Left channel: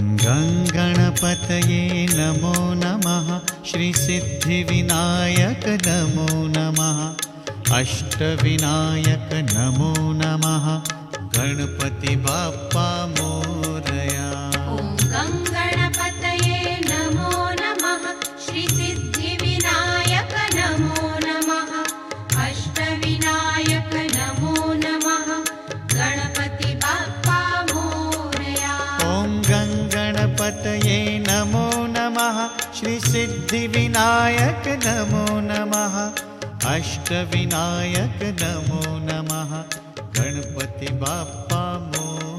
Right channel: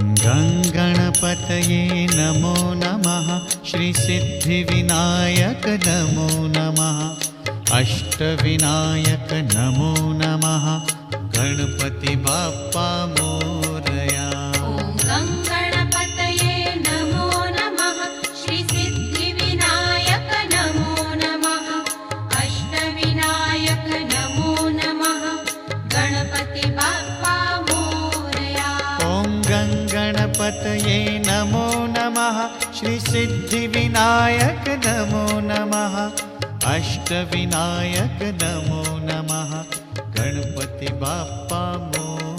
गं गणपतये नमो नमः। श्रीसिद्धिविनायक नमो नमः। अष्टविनायक नमो नमः। गणपति बाप्पा मोरया। गं गणपतये नमो नमः। श्रीसिद्धिविनायक नमो नमः। अष्टविनायक नमो नमः। गणपति बाप्पा मोरया।